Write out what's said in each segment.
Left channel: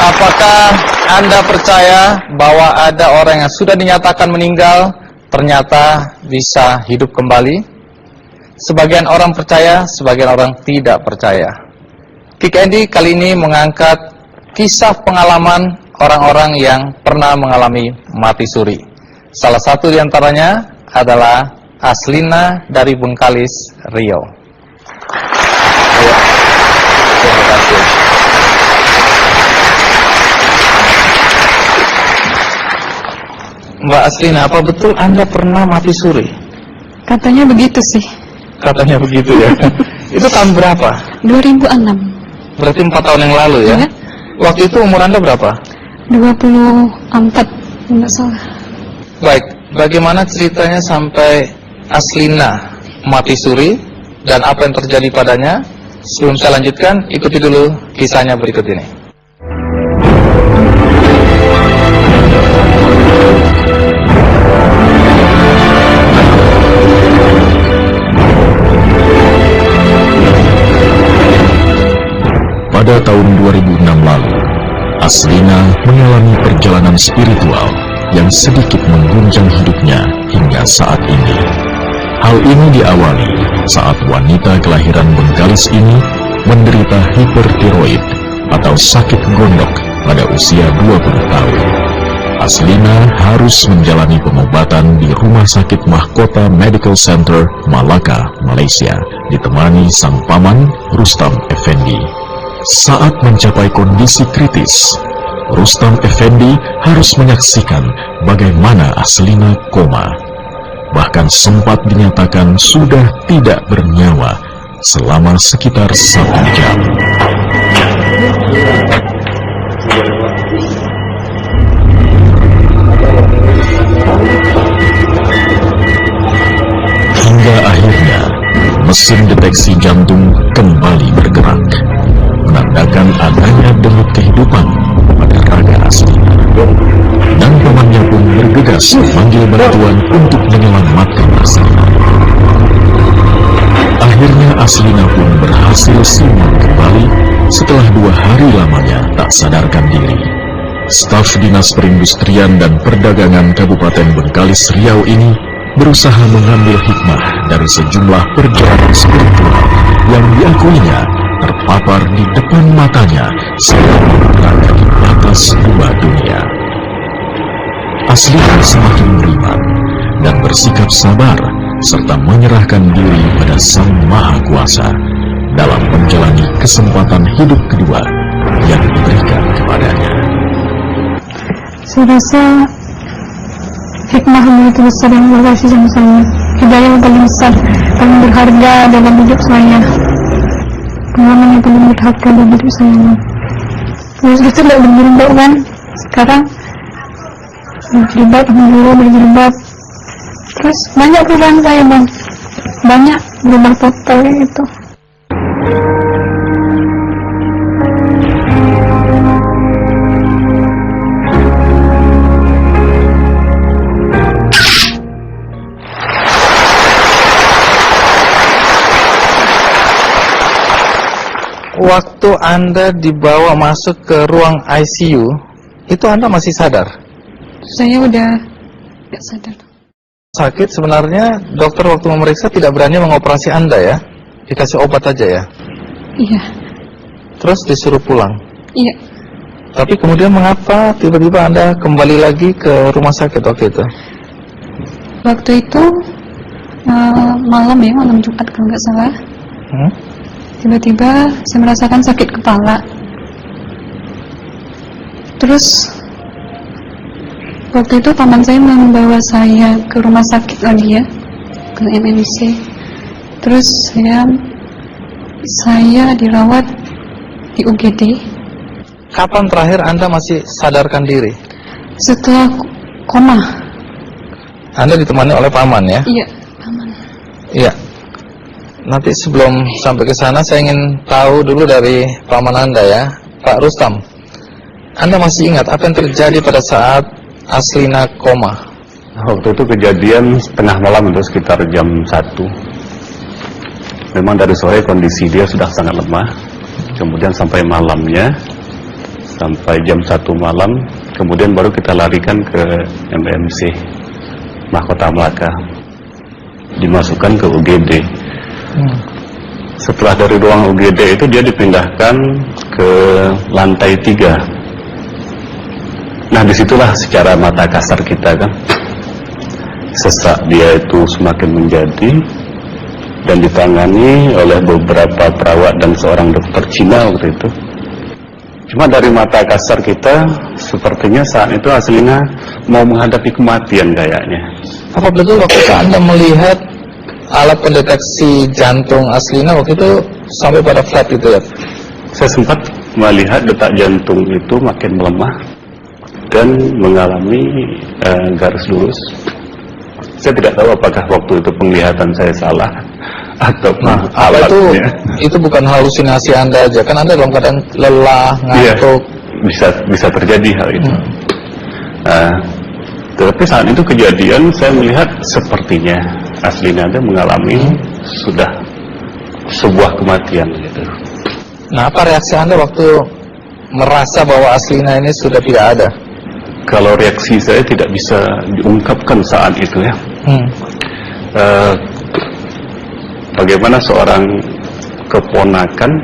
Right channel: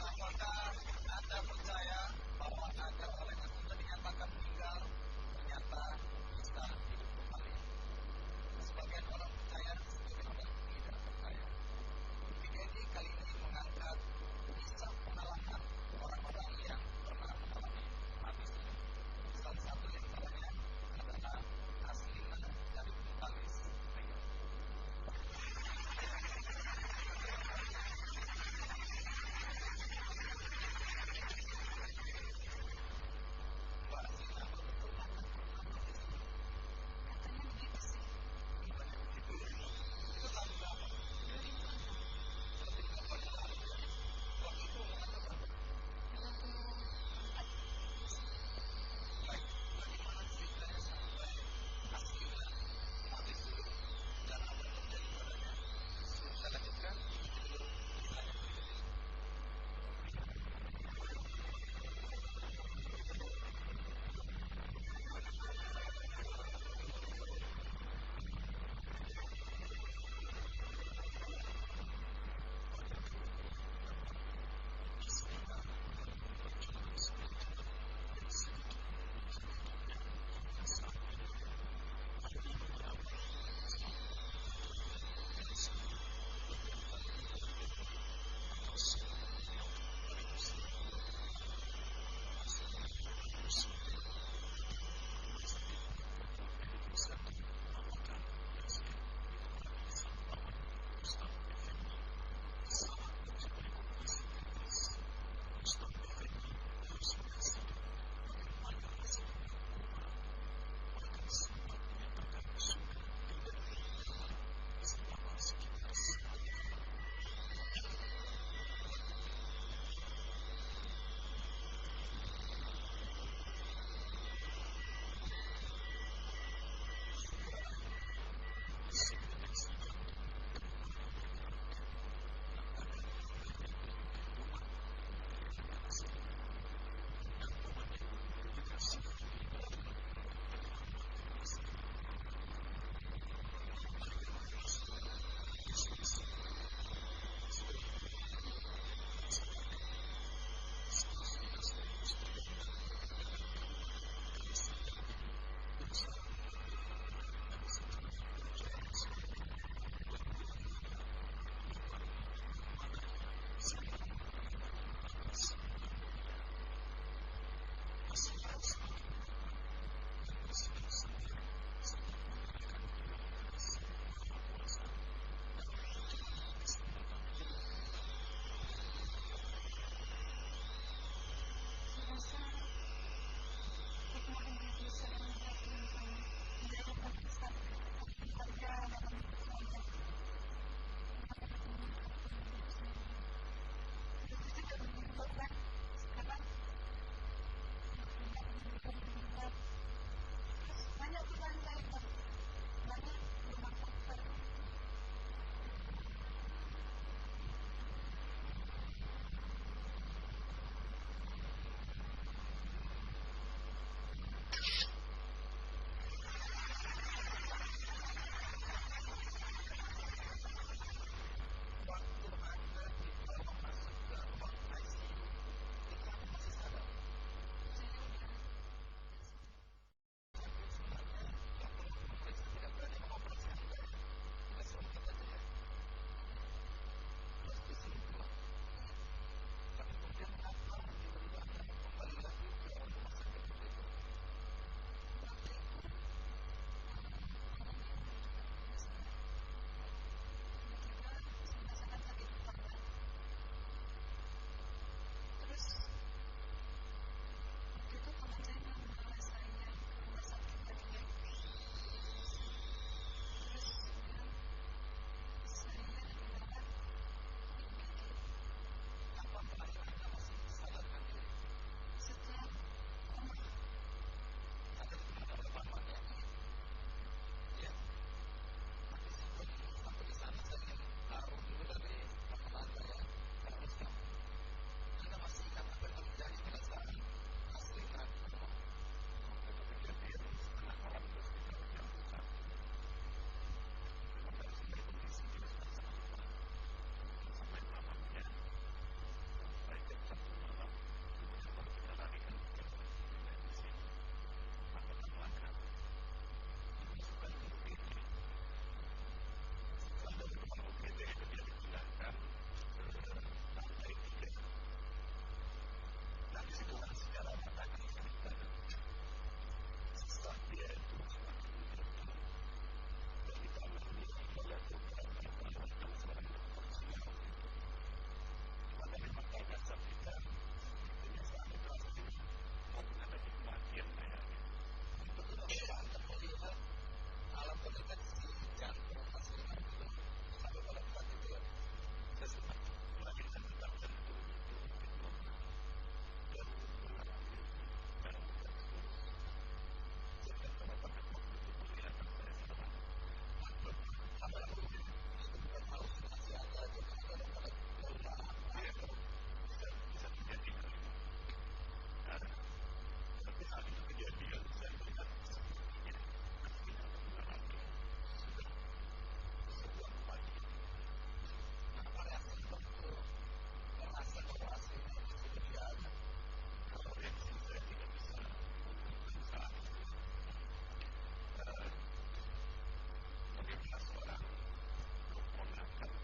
Apakah Anda percaya bahwa ada orang yang sudah dinyatakan meninggal ternyata bisa hidup kembali? Sebagian orang percaya, sebagian orang tidak percaya. Kick Andy kali ini mengangkat kisah pengalaman orang-orang yang pernah mengalami mati suri. Salah satu di antaranya adalah Aslina dari Bengkalis, Riau. Terima kasih. Mbak Aslina, apa betul Anda pernah mati suri? Katanya begitu sih. Katanya begitu ya. Itu tahun berapa? 2006. Berarti 4 tahun yang lalu ya? Ya. Waktu itu umur Anda berapa? 24, enggak salah. Baik, bagaimana ceritanya sampai Aslina mati suri dan apa yang terjadi padanya? Sebelum saya lanjutkan, ikuti dulu kisahnya berikut ini. Pada tahun 2006 lalu, Aslina mengalami perjalanan spiritual yang sedikit mengguncang hidupnya hingga saat ini. Hal ini diawali saat wanita kelahiran Bengkalis ini menderita hipertiroid atau sakit gondok pada usia 20 tahun. Aslina harus menjalani pengobatan di Rumah Sakit Mahkota Medical Center, Malaka, Malaysia, ditemani sang paman Rustam Effendi. Saat mencapai kondisi kritis, Rustam Effendi harus menyaksikan bagaimana Aslina koma. Bahkan sempat dinyatakan sudah tidak bernyawa selama sekitar 1 jam. Hingga akhirnya, mesin deteksi jantung kembali bergerak, menandakan adanya denyut kehidupan pada raga Aslina. Dan pamannya pun bergegas memanggil bantuan untuk menyelamatkan Aslina. Akhirnya Aslina pun berhasil siuman kembali setelah 2 hari lamanya tak sadarkan diri. Staf Dinas Perindustrian dan Perdagangan Kabupaten Bengkalis, Riau ini berusaha mengambil hikmah dari sejumlah perjalanan spiritual yang diakuinya terpapar di depan matanya selama berada di atas 2 dunia. Aslina semakin beriman dan bersikap sabar serta menyerahkan diri pada Sang Maha Kuasa dalam menjalani kesempatan hidup kedua yang diberikan kepadanya. Saya rasa hikmah yang begitu besar yang Allah kasih sama saya. Hidayah yang paling besar, paling berharga dalam hidup saya. Pengalaman yang paling berharga dalam hidup saya. Terus kita tidak berjilbab kan? Sekarang berjilbab, alhamdulillah berjilbab. Terus banyak perubahan saya bang, banyak berubah total itu. Waktu Anda dibawa masuk ke ruang ICU, itu Anda masih sadar? Saya udah nggak sadar. Sakit sebenarnya dokter waktu memeriksa tidak berani mengoperasi Anda ya? Dikasih obat aja ya? Iya. Terus disuruh pulang? Iya. Tapi kemudian mengapa tiba-tiba Anda kembali lagi ke rumah sakit waktu itu? Waktu itu malam ya, malam Jumat kalau nggak salah. Tiba-tiba saya merasakan sakit kepala. Terus waktu itu paman saya membawa saya ke rumah sakit lagi ya, ke MMC. Terus saya dirawat di UGD. Kapan terakhir Anda masih sadarkan diri? Setelah koma. Anda ditemani oleh paman ya? Iya, paman. Iya. Nanti sebelum sampai ke sana saya ingin tahu dulu dari paman Anda ya, Pak Rustam. Anda masih ingat apa yang terjadi pada saat Aslina koma? Waktu itu kejadian tengah malam itu sekitar jam 1. Memang dari sore kondisi dia sudah sangat lemah. Kemudian sampai malamnya sampai jam 1 malam, kemudian baru kita larikan ke MMC Mahkota Melaka, dimasukkan ke UGD. Setelah dari ruang UGD itu dia dipindahkan ke lantai 3. Nah, disitulah secara mata kasar kita kan, sesak dia itu semakin menjadi, dan ditangani oleh beberapa perawat dan seorang dokter Cina waktu itu. Cuma dari mata kasar kita, sepertinya saat itu Aslina mau menghadapi kematian kayaknya. Apa betul waktu itu Anda melihat alat pendeteksi jantung Aslina waktu itu sampai pada flat gitu ya? Saya sempat melihat detak jantung itu makin melemah dan mengalami garis lurus. Saya tidak tahu apakah waktu itu penglihatan saya salah atau apa itu bukan halusinasi Anda aja, kan Anda dalam keadaan lelah, ngantuk. Iya, bisa terjadi hal itu. Tetapi saat itu kejadian saya melihat sepertinya Aslina ada mengalami sudah sebuah kematian gitu. Nah, apa reaksi Anda waktu merasa bahwa Aslina ini sudah tidak ada? Kalau reaksi saya tidak bisa diungkapkan saat itu ya. Bagaimana seorang keponakan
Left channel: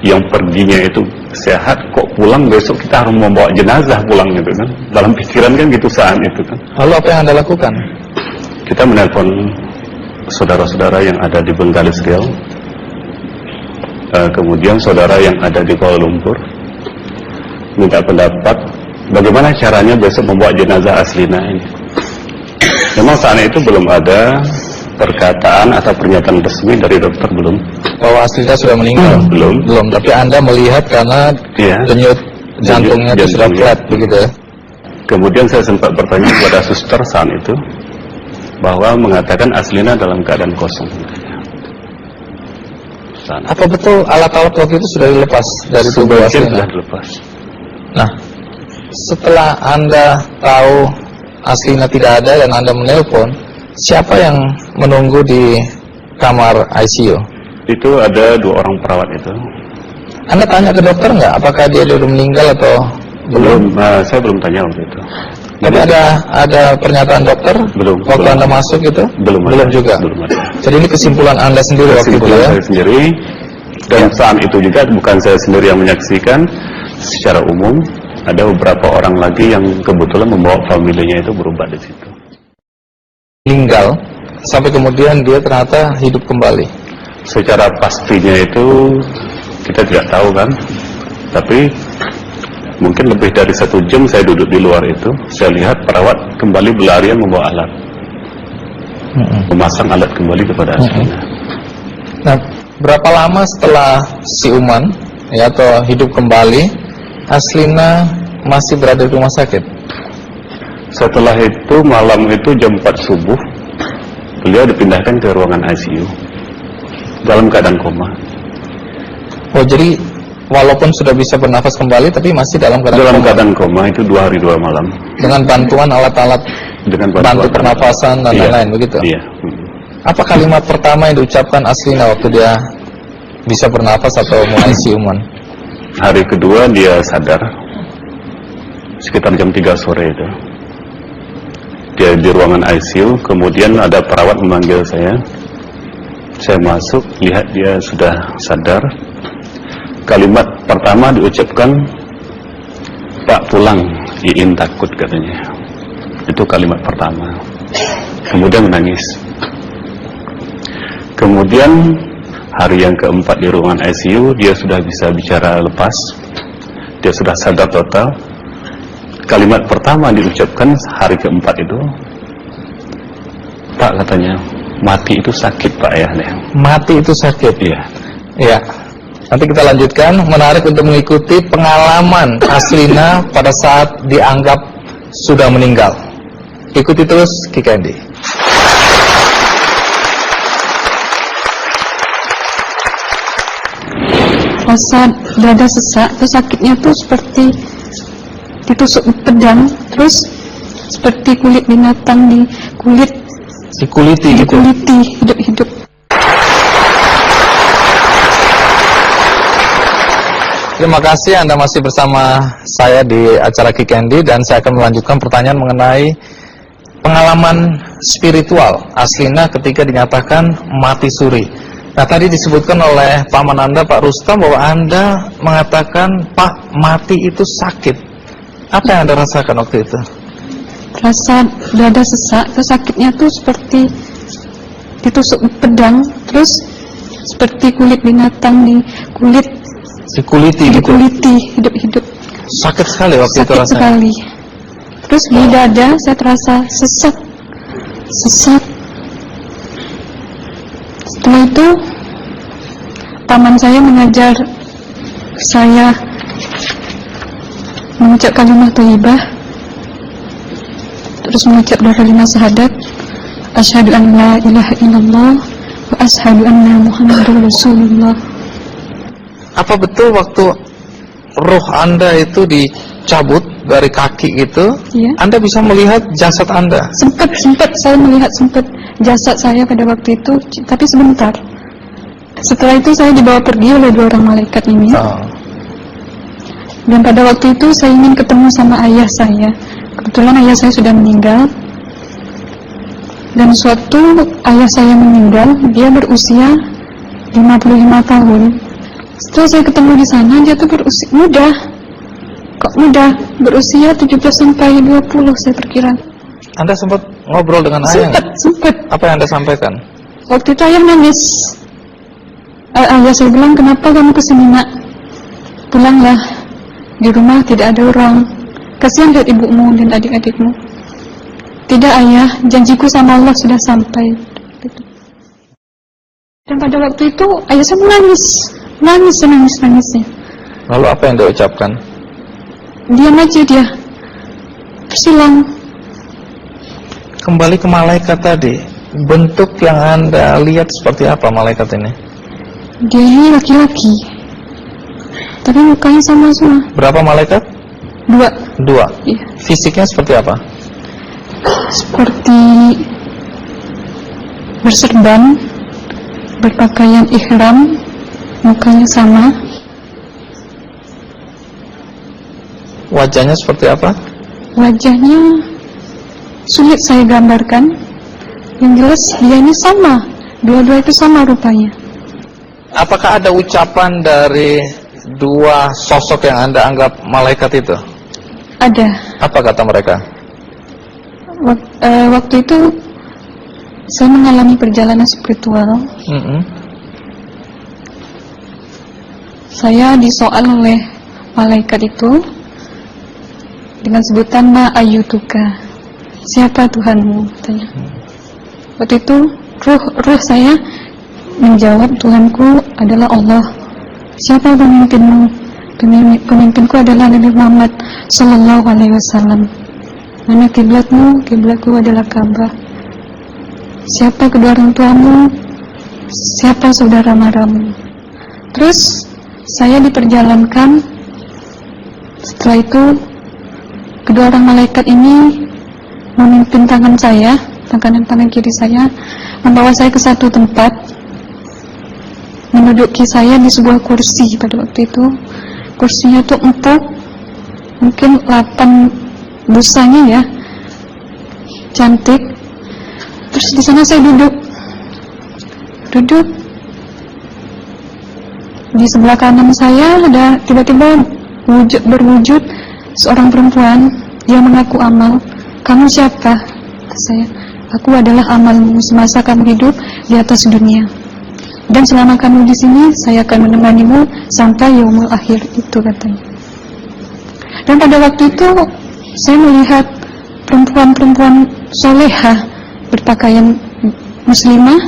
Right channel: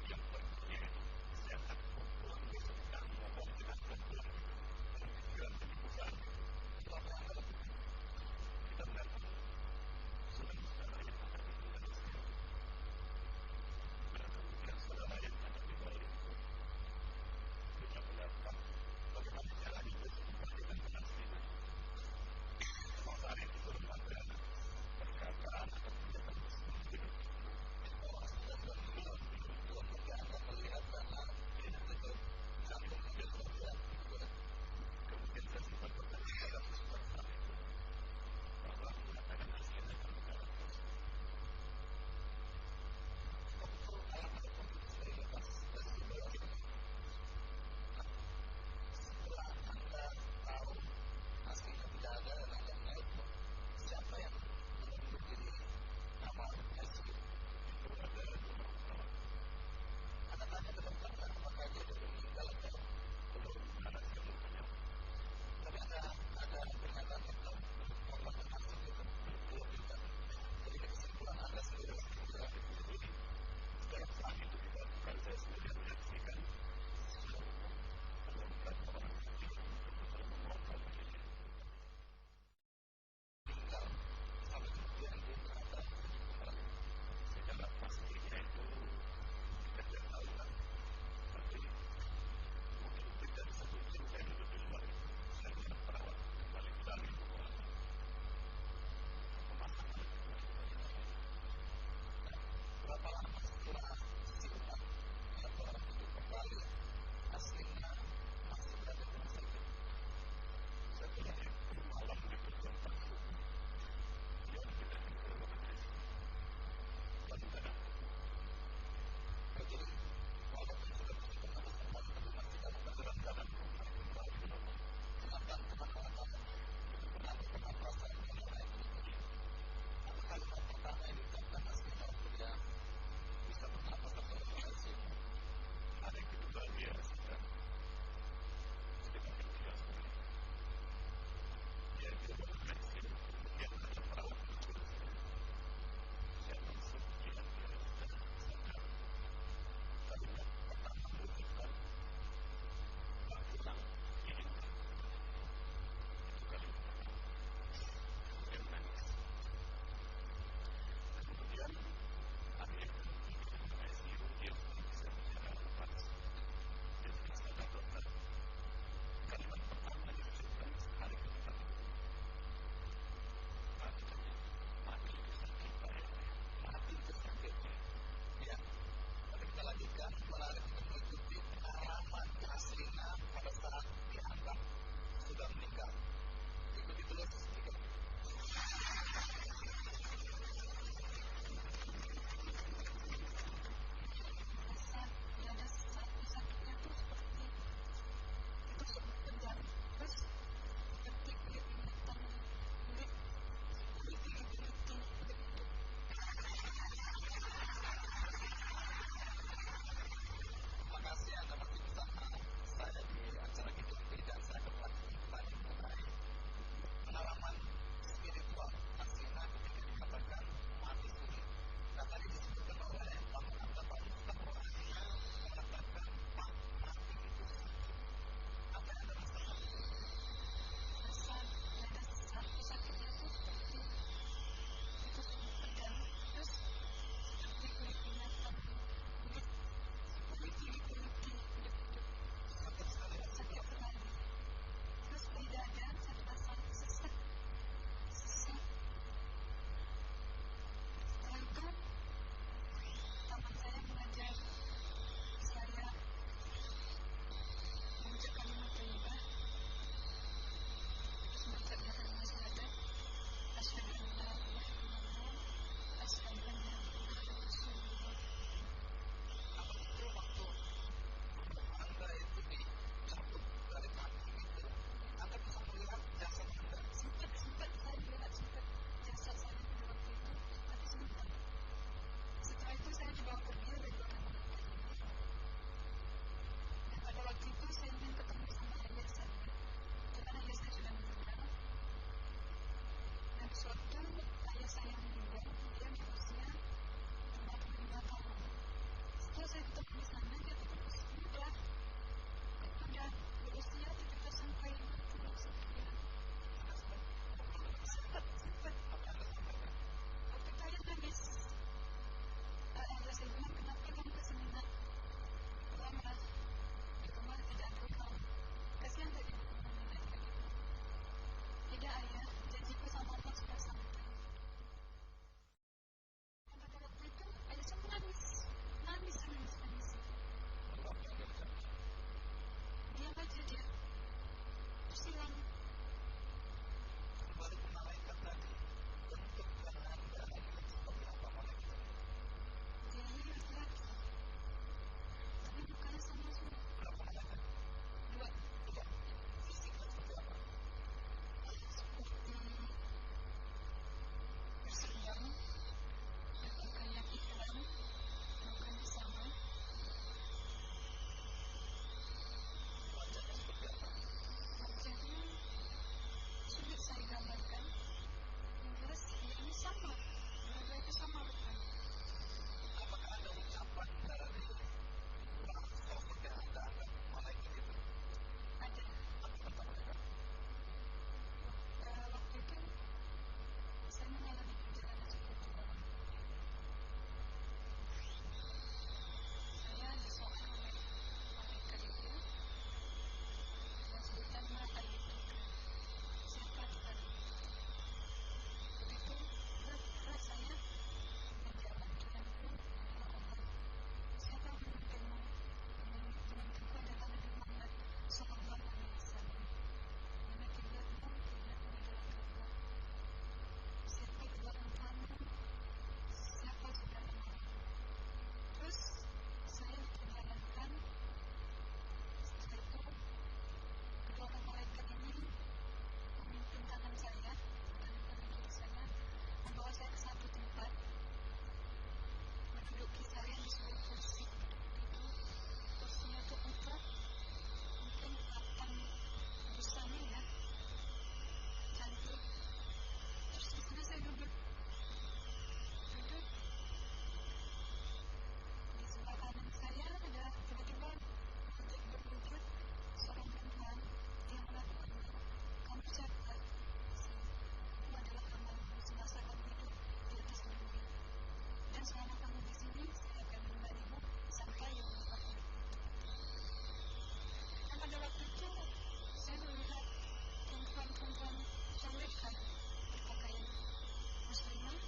yang perginya itu sehat, kok pulang besok kita harus membawa jenazah pulang gitu kan. Dalam pikiran kan gitu saat itu kan. Lalu apa yang Anda lakukan? Kita menelpon saudara-saudara yang ada di Bengkalis Riau, kemudian saudara yang ada di Kuala Lumpur, minta pendapat bagaimana caranya besok membawa jenazah Aslina ini. Memang saat itu belum ada perkataan atau pernyataan resmi dari dokter, belum. Bahwa Aslina sudah meninggal? Belum. Tapi Anda melihat karena denyut jantungnya itu sudah flat begitu ya? Kemudian saya sempat bertanya kepada suster saat itu, bahwa mengatakan Aslina dalam keadaan kosong. Apa betul alat-alat waktu itu sudah dilepas dari tubuh Aslina? Sudah dilepas. Nah, setelah Anda tahu Aslina tidak ada dan Anda menelpon, siapa yang menunggu di kamar ICU? Itu ada 2 orang perawat itu. Anda tanya ke dokter nggak? Apakah dia sudah meninggal atau belum? Saya belum tanya waktu itu. Tapi ada pernyataan dokter? Belum. Waktu Anda masuk itu? Belum juga? Belum ada. Jadi ini kesimpulan Anda sendiri waktu itu ya? Saya sendiri. Dan saat itu juga bukan saya sendiri yang menyaksikan. Secara umum, ada beberapa orang lagi yang kebetulan membawa familinya itu berobat di situ. Meninggal, sampai kemudian dia ternyata hidup kembali. Secara pastinya itu kita tidak tahu kan, tapi mungkin lebih dari 1 jam saya duduk di luar itu, saya lihat perawat kembali berlarian membawa alat, memasang alat kembali kepada Aslina. Nah, berapa lama setelah siuman ya atau hidup kembali, Aslina masih berada di rumah sakit? Setelah itu malam itu jam 4 subuh, beliau dipindahkan ke ruangan ICU dalam keadaan koma. Oh, jadi walaupun sudah bisa bernafas kembali, tapi masih dalam keadaan koma itu 2 hari 2 malam. Dengan bantuan alat-alat, bantu pernafasan dan lain-lain begitu. Iya. Apa kalimat pertama yang diucapkan Aslina waktu dia bisa bernafas atau mulai siuman? Hari kedua dia sadar, sekitar jam 3 sore itu. Dia di ruangan ICU, kemudian ada perawat memanggil saya. Saya masuk, lihat dia sudah sadar. Kalimat pertama diucapkan, "Pak pulang, Iin takut," katanya. Itu kalimat pertama. Kemudian menangis. Kemudian hari yang keempat di ruangan ICU, dia sudah bisa bicara lepas. Dia sudah sadar total. Kalimat pertama diucapkan hari keempat itu, "Pak," katanya, "mati itu sakit, Pak ya." Mati itu sakit? Iya. Iya. Nanti kita lanjutkan. Menarik untuk mengikuti pengalaman Aslina pada saat dianggap sudah meninggal. Ikuti terus Kikendi. Rasa dada sesak, terus sakitnya tuh seperti ditusuk pedang, terus seperti kulit binatang dikuliti gitu. Hidup-hidup. Terima kasih Anda masih bersama saya di acara Kikendi, dan saya akan melanjutkan pertanyaan mengenai pengalaman spiritual Aslina ketika dinyatakan mati suri. Nah, tadi disebutkan oleh paman Anda, Pak Rustam, bahwa Anda mengatakan, Pak, mati itu sakit. Apa yang Anda rasakan waktu itu? Rasa dada sesak, terus sakitnya tuh seperti ditusuk pedang, terus seperti kulit binatang Dikuliti gitu? dikuliti hidup-hidup. Sakit sekali waktu itu Sakit rasanya? sekali. Terus di dada saya terasa sesak. Setelah itu paman saya mengajar saya mengucap kalimat thayyibah, terus mengucap doa kalimat syahadat, asyhadu an la ilaha illallah wa asyhadu anna muhammadar rasulullah. Apa betul waktu roh Anda itu dicabut dari kaki itu, Iya. Anda bisa melihat jasad Anda? Sempat saya melihat jasad saya pada waktu itu, tapi sebentar. Setelah itu saya dibawa pergi oleh 2 orang malaikat ini. Oh. Dan pada waktu itu saya ingin ketemu sama ayah saya. Kebetulan ayah saya sudah meninggal. Dan suatu ayah saya meninggal, dia berusia 55 tahun. Setelah saya ketemu di sana, dia tuh berusia muda. Kok muda? Berusia 17 sampai 20 saya perkira. Anda sempat ngobrol dengan ayah? Sempat. Apa yang Anda sampaikan? Waktu itu ayah nangis. Ayah saya bilang, kenapa kamu kesini nak? Pulanglah. Di rumah tidak ada orang. Kasihan lihat ibumu dan adik-adikmu. Tidak ayah, janjiku sama Allah sudah sampai. Dan pada waktu itu ayah saya menangis. Lalu apa yang dia ucapkan? Diam aja dia. Tersilang. Kembali ke malaikat tadi, bentuk yang Anda lihat seperti apa malaikat ini? Dia ini laki-laki, tapi mukanya sama semua. Berapa malaikat? 2. 2. Iya. Fisiknya seperti apa? Seperti berserban, berpakaian ihram, mukanya sama. Wajahnya seperti apa? Wajahnya sulit saya gambarkan. Yang jelas dia ini sama, dua-dua itu sama rupanya. Apakah ada ucapan dari 2 sosok yang Anda anggap malaikat itu? Ada. Apa kata mereka? Waktu itu saya mengalami perjalanan spiritual. Saya disoal oleh malaikat itu dengan sebutan ma ayyutuka, siapa Tuhanmu, katanya. Waktu itu ruh saya menjawab, Tuhanku adalah Allah. Siapa pemimpinmu? Pemimpinku adalah Nabi Muhammad sallallahu alaihi wasallam. Mana kiblatmu? Kiblatku adalah Ka'bah. Siapa kedua orang tuamu? Siapa saudara maramu? Terus saya diperjalankan. Setelah itu kedua orang malaikat ini memimpin tangan saya, tangan kiri saya, membawa saya ke satu tempat, menduduki saya di sebuah kursi. Pada waktu itu kursinya tuh empuk, mungkin 8 busanya ya, cantik. Terus di sana saya duduk. Di sebelah kanan saya ada tiba-tiba berwujud seorang perempuan. Dia mengaku amal. Kamu siapa? Kata saya. Aku adalah amalmu semasa kamu hidup di atas dunia. Dan selama kamu di sini, saya akan menemanimu sampai yaumul akhir, itu katanya. Dan pada waktu itu saya melihat perempuan-perempuan solehah berpakaian muslimah,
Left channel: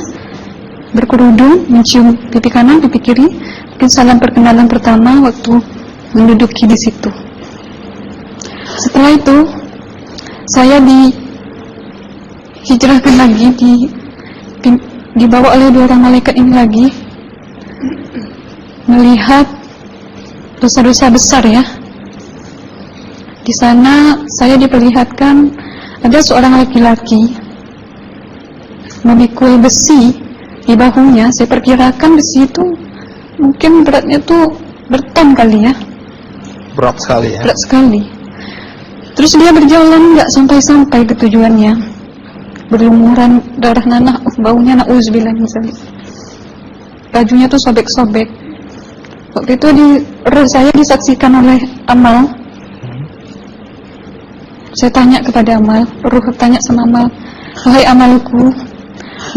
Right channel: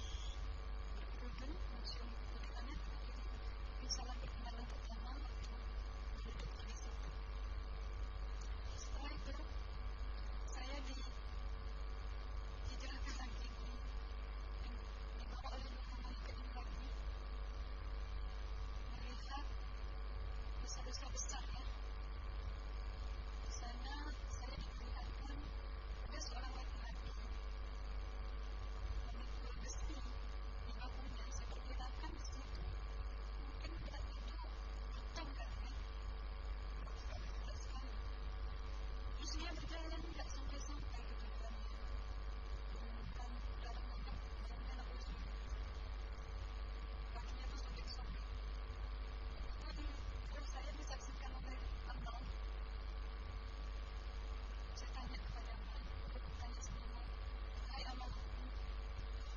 berkerudung, mencium pipi kanan, pipi kiri. Mungkin salam perkenalan pertama waktu menduduki di situ. Setelah itu saya dihijrahkan lagi, dibawa oleh 2 orang malaikat ini lagi, melihat dosa-dosa besar ya. Di sana saya diperlihatkan ada seorang laki-laki memikul besi di bahunya. Saya perkirakan besi itu mungkin beratnya tuh berton kali ya, Berat sekali ya. berat sekali. Terus dia berjalan nggak sampai-sampai ke tujuannya, berlumuran darah nanah, baunya na'udzubillah min dzalik. Bajunya tuh sobek-sobek. Waktu itu roh saya disaksikan oleh Amal. Saya tanya kepada Amal, roh tanya sama Amal, wahai Amalku,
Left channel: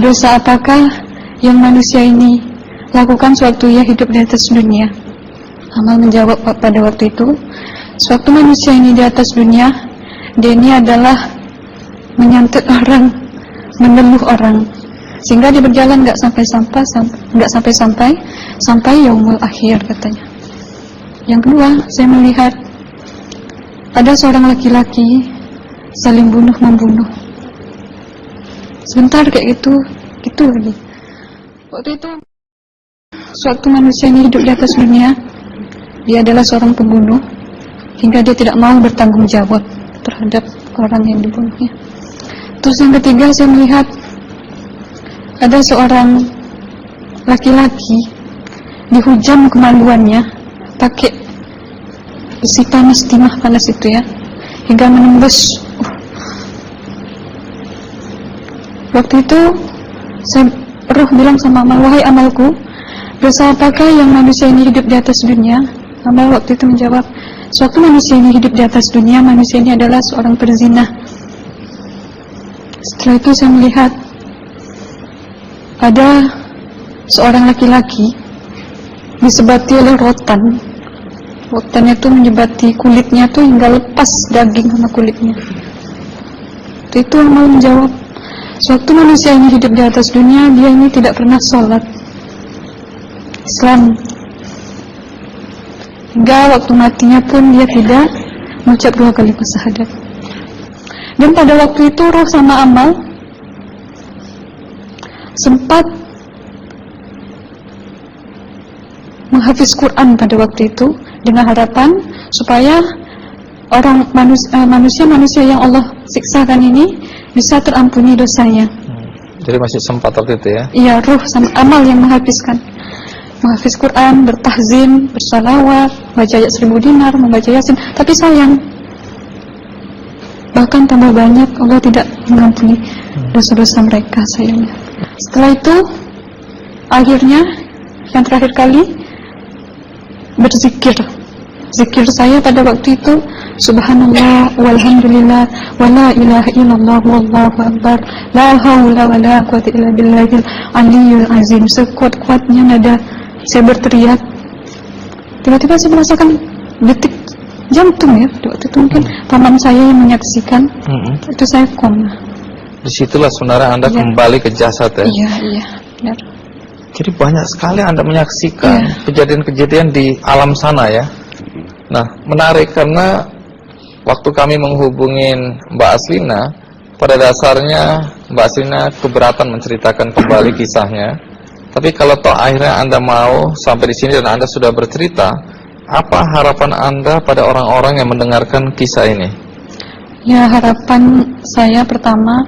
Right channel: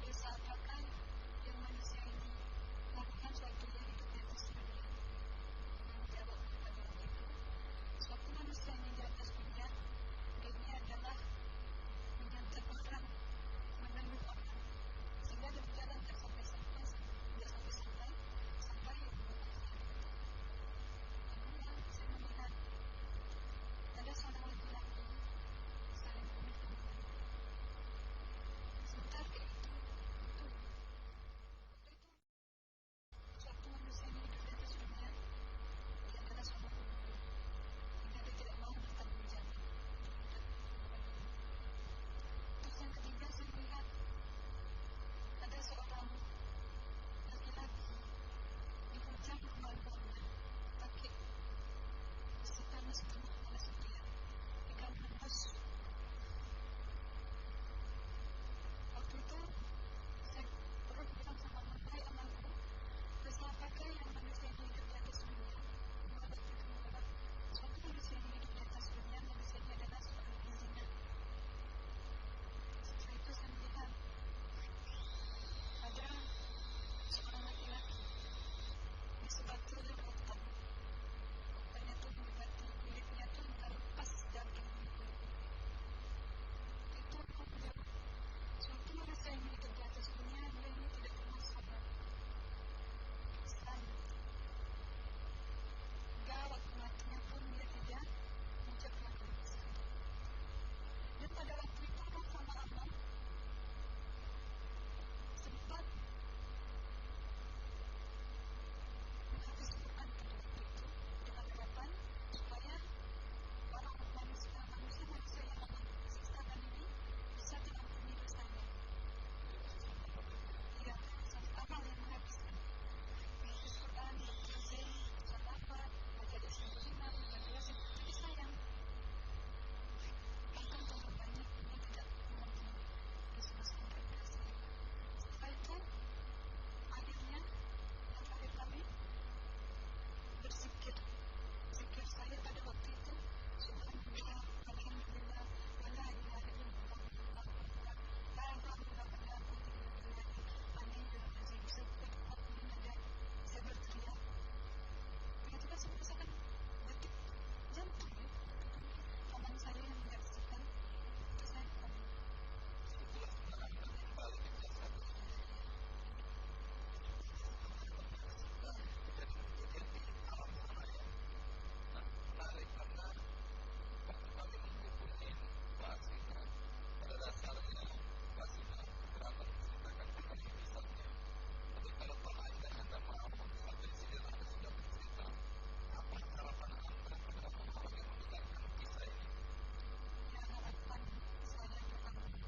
dosa apakah yang manusia ini lakukan sewaktu ia hidup di atas dunia? Amal menjawab pada waktu itu, sewaktu manusia ini di atas dunia, dia ini adalah menyantet orang, meneluh orang, sehingga dia berjalan nggak sampai yaumul akhir katanya. Yang kedua, saya melihat ada seorang laki-laki saling membunuh. Sebentar kayak gitu lagi. Waktu itu, sewaktu manusia ini hidup di atas dunia, dia adalah seorang pembunuh, hingga dia tidak mau bertanggung jawab terhadap orang yang dibunuhnya. Terus yang ketiga, saya melihat ada seorang laki-laki dihujam kemaluannya pakai besi panas, timah panas itu ya, hingga menembus. Waktu itu roh bilang sama Amal, wahai Amalku, dosa apakah yang manusia ini hidup di atas dunia? Amal waktu itu menjawab, sewaktu manusia ini hidup di atas dunia, manusia ini adalah seorang perzina. Setelah itu saya melihat ada seorang laki-laki disebati oleh rotan. Rotannya itu menyebati kulitnya tuh hingga lepas daging sama kulitnya. Itu Amal menjawab, sewaktu manusia ini hidup di atas dunia, dia ini tidak pernah sholat Islam, hingga waktu matinya pun dia tidak mengucap 2 kalimat syahadat. Dan pada waktu itu roh sama Amal sempat menghafiz Quran pada waktu itu dengan harapan supaya orang manusia yang Allah siksakan ini bisa terampuni dosanya. Jadi masih sempat waktu itu ya? Iya, roh sama Amal yang menghafiz Quran, bertahzim, bersalawat, baca ayat 1000 dinar, membaca Yasin. Tapi sayang, bahkan tambah banyak, Allah tidak mengampuni dosa-dosa mereka, sayangnya. Setelah itu, akhirnya yang terakhir kali berzikir. Zikir saya pada waktu itu, subhanallah, walhamdulillah, wala ilaha illallah, wallahu akbar, la hawla wala quwwata illa billahil aliyyil azim. Sekuat-kuatnya nada saya berteriak. Tiba-tiba saya merasakan detik jantung ya. Waktu itu mungkin paman saya yang menyaksikan. Itu saya koma. Disitulah sebenarnya Anda kembali ke jasad ya? Iya, benar. Jadi banyak sekali Anda menyaksikan kejadian-kejadian di alam sana ya. Nah, menarik karena waktu kami menghubungin Mbak Aslina, pada dasarnya Mbak Aslina keberatan menceritakan kembali kisahnya. Tapi kalau toh akhirnya Anda mau sampai di sini dan Anda sudah bercerita, apa harapan Anda pada orang-orang yang mendengarkan kisah ini? Ya, harapan saya pertama,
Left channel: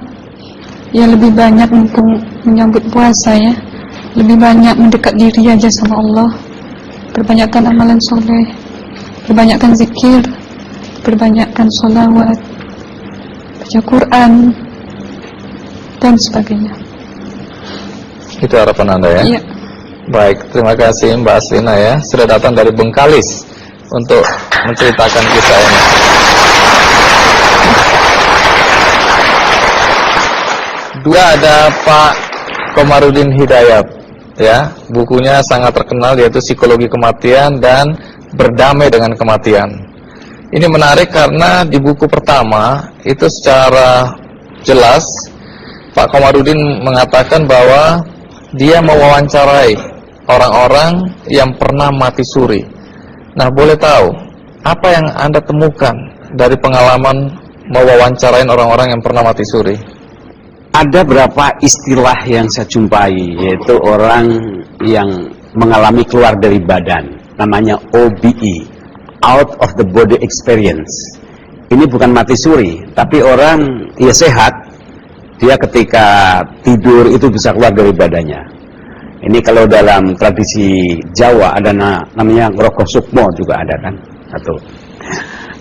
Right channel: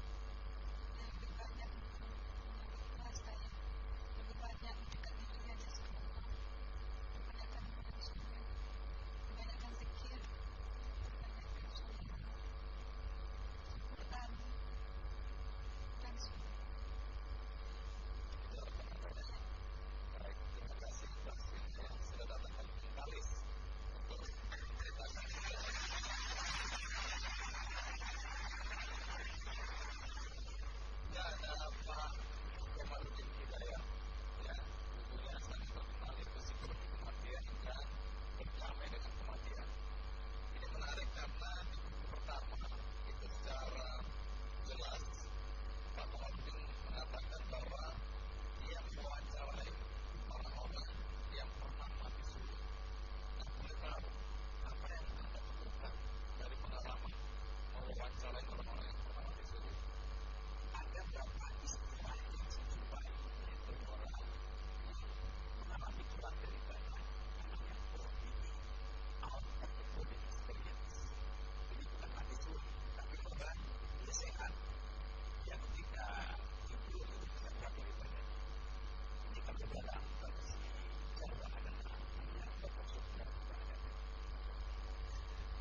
ya lebih banyak mumpung menyambut puasa ya, lebih banyak mendekat diri aja sama Allah, perbanyakkan amalan soleh, perbanyakkan zikir, perbanyakkan sholawat, baca Quran, dan sebagainya. Itu harapan Anda ya? Iya. Baik, terima kasih Mbak Aslina ya, sudah datang dari Bengkalis untuk menceritakan kisah ini. Dua ada Pak Komarudin Hidayat ya, bukunya sangat terkenal yaitu Psikologi Kematian dan Berdamai dengan Kematian. Ini menarik karena di buku pertama itu secara jelas Pak Komarudin mengatakan bahwa dia mewawancarai orang-orang yang pernah mati suri. Nah, boleh tahu apa yang Anda temukan dari pengalaman mewawancarain orang-orang yang pernah mati suri? Ada berapa istilah yang saya jumpai, yaitu orang yang mengalami keluar dari badan, namanya OBE, out of the body experience. Ini bukan mati suri, tapi orang ya sehat, dia ketika tidur itu bisa keluar dari badannya. Ini kalau dalam tradisi Jawa ada namanya Ngrogo Sukmo juga ada kan. Satu.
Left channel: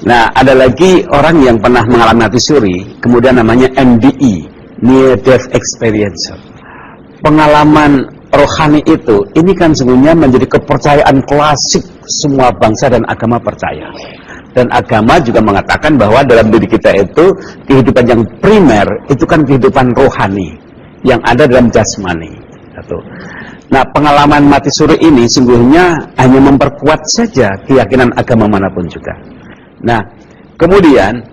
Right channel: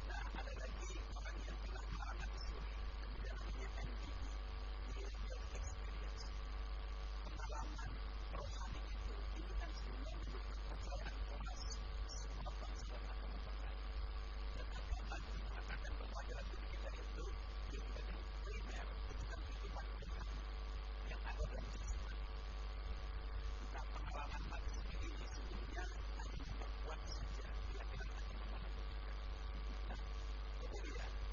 Nah, ada lagi orang yang pernah mengalami mati suri, kemudian namanya NDE, Near Death Experience. Pengalaman rohani itu, ini kan sebenarnya menjadi kepercayaan klasik semua bangsa dan agama percaya. Dan agama juga mengatakan bahwa dalam diri kita itu, kehidupan yang primer, itu kan kehidupan rohani, yang ada dalam jasmani. Satu. Nah, pengalaman mati suri ini sungguhnya hanya memperkuat saja keyakinan agama manapun juga. Nah, kemudian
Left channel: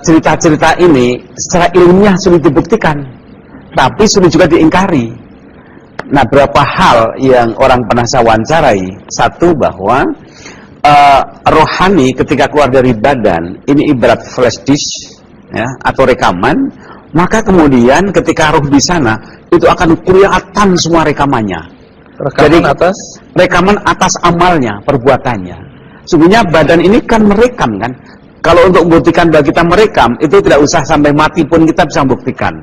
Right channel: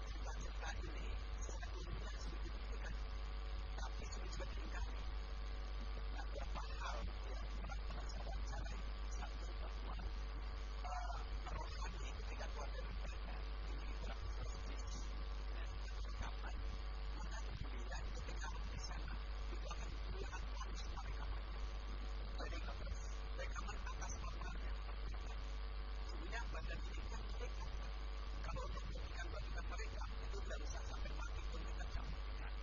cerita-cerita ini secara ilmiah sulit dibuktikan, tapi sulit juga diingkari. Nah, berapa hal yang orang pernah saya wawancarai. Satu, bahwa rohani ketika keluar dari badan, ini ibarat flash disk ya, atau rekaman. Maka kemudian ketika roh di sana, itu akan kelihatan semua rekamannya. Rekaman atas amalnya, perbuatannya. Sebenarnya badan ini kan merekam kan. Kalau untuk membuktikan bahwa kita merekam, itu tidak usah sampai mati pun kita bisa membuktikan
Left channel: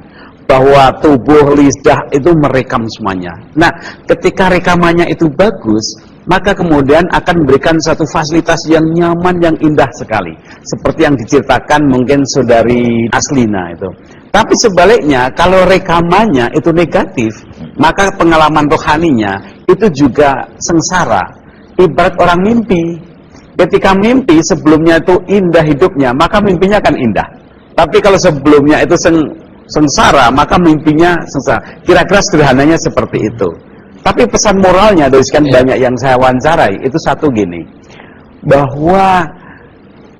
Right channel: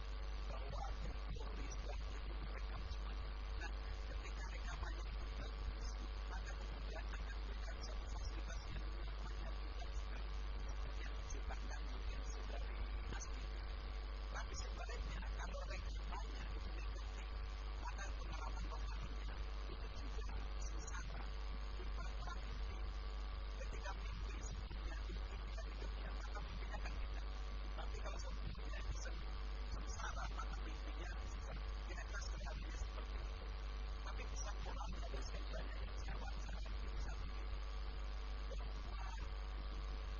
bahwa tubuh, lidah itu merekam semuanya. Nah, ketika rekamannya itu bagus, maka kemudian akan memberikan satu fasilitas yang nyaman, yang indah sekali. Seperti yang diceritakan mungkin saudari Aslina itu. Tapi sebaliknya, kalau rekamannya itu negatif, maka pengalaman rohaninya itu juga sengsara. Ibarat orang mimpi. Ketika mimpi sebelumnya itu indah hidupnya, maka mimpinya akan indah. Tapi kalau sebelumnya itu sengsara, maka mimpinya sengsara. Kira-kira sederhananya seperti itu. Tapi pesan moralnya dari sekian banyak yang saya wawancarai, itu satu gini. Bahwa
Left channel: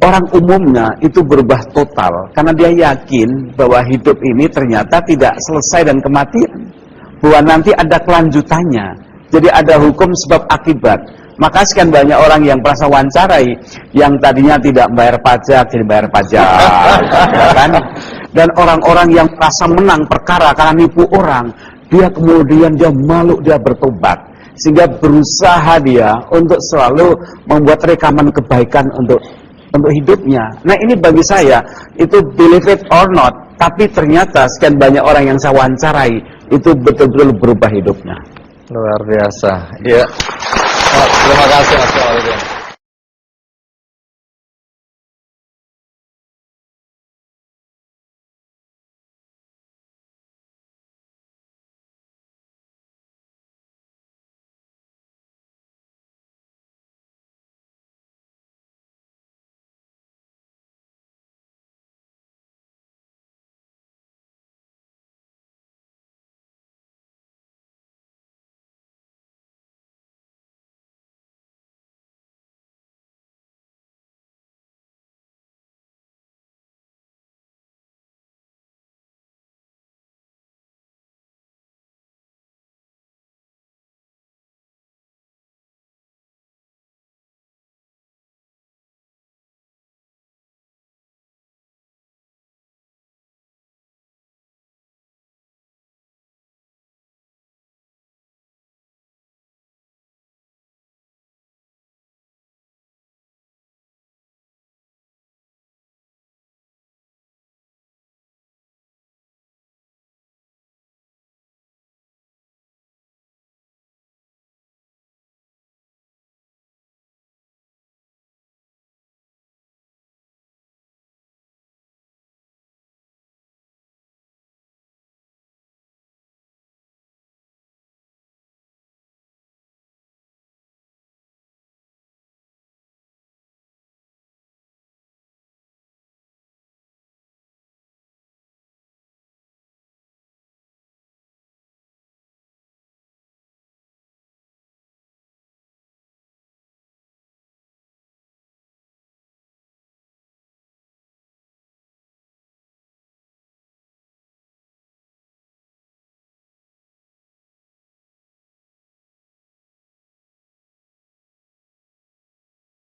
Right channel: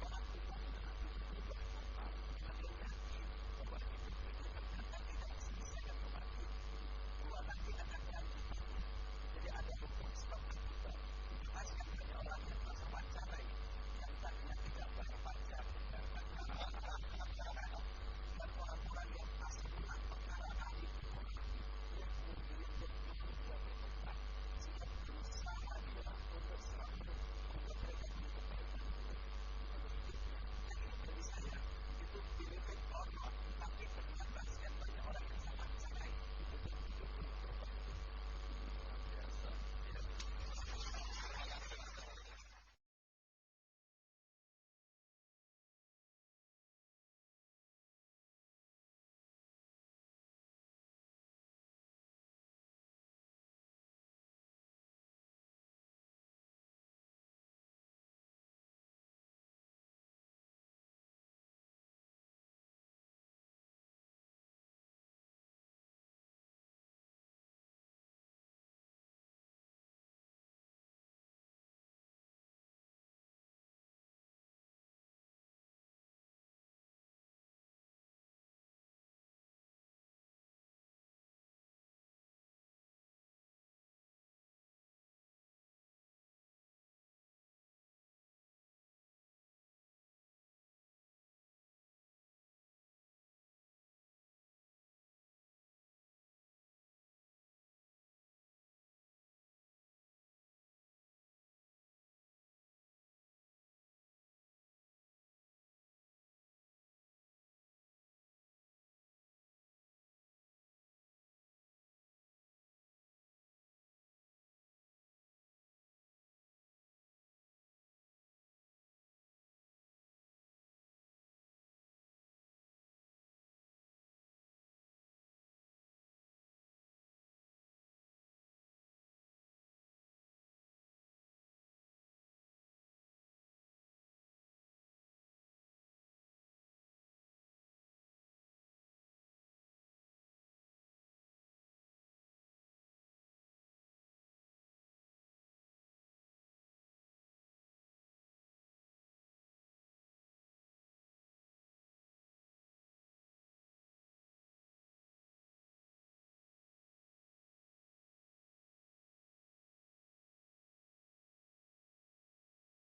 orang umumnya itu berubah total karena dia yakin bahwa hidup ini ternyata tidak selesai dan kematian, bahwa nanti ada kelanjutannya. Jadi ada hukum sebab akibat. Maka sekian banyak orang yang merasa wawancarai, yang tadinya tidak bayar pajak jadi bayar pajak, ya kan? Dan orang-orang yang merasa menang perkara karena nipu orang, dia kemudian dia malu, dia bertobat, sehingga berusaha dia untuk selalu membuat rekaman kebaikan untuk hidupnya. Nah, ini bagi saya itu believe it or not, tapi ternyata sekian banyak orang yang saya wawancarai itu betul-betul berubah hidupnya. Luar biasa. Ya. Terima kasih Mas Walidin.